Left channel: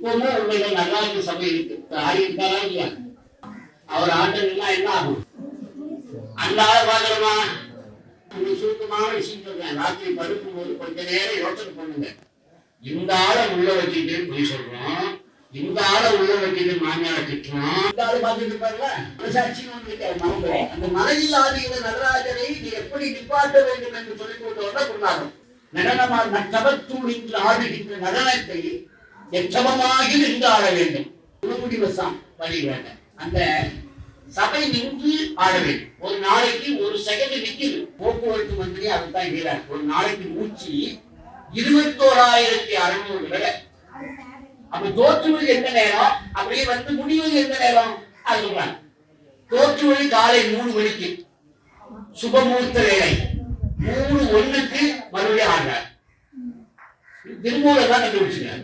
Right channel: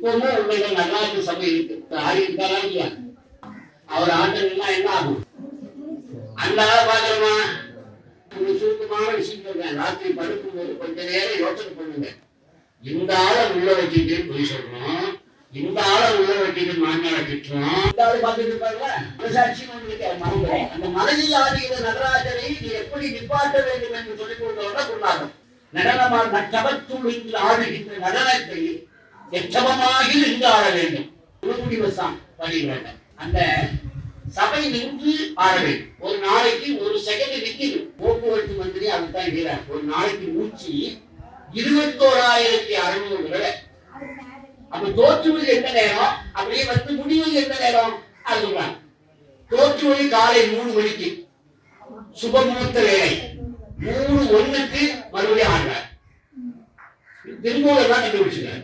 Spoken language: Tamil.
இப்பவும் உண்மைகள் நல்லாட்சி சபை இருக்கு. ஆடி இருந்தாரா இல்லையா? அவர் ஆண்டெல்லாம் என்ன ஆகும்? அல்லாத பாக்குறமா ஒரு சுருக்கமான விஷயம் சொல்றேன். ராத்திரி படுக்கும் போது கொஞ்ச நேரம் யோசனை பண்ணுங்க. இந்த ஆளை உள்ள வச்சுட்டு போய் சொல்றோம், இந்த ஆளை உள்ள வச்சுட்டு மாமியாரை திட்டுறோம். இந்த ஆளு பார்த்துட்டு இருப்பாருல, மனசாட்சி மனம். அந்த மனதில் ஆடிய நடராஜரை நீ எப்படி நிப்பாட்ட வேண்டும் என்று சொல்லிக் கொண்டவர்கள் கொண்டாடும். நடனமாக நட்டபத்தூளில் ஆடுகின்ற நடனத்தை எச்சபமாகி நின்று ஆட வேண்டும். முடிவசம் வழி வேண்டும். அந்த சபை நின்று ஆட வேண்டும். ஒரு நாளைக்கு ஒரு செகண்ட் நிற்குது. போக்குவரத்து மந்திரி அதுதான் இருக்கிறார். ஒரு நாளைக்கு மூச்சு 21,600 தடவை. அப்ப தோற்றுவது எந்த நேரம், அப்படியே வந்து முடிவது எந்த நேரம் அது சொல்றாங்க. தோற்றுவது காலை 3 மணிக்கு சுபமுகூர்த்த வேலை, 3:01 மறுபடியும் ஆடுறார். திருமூலர் தான் கண்டுபிடிச்சார்.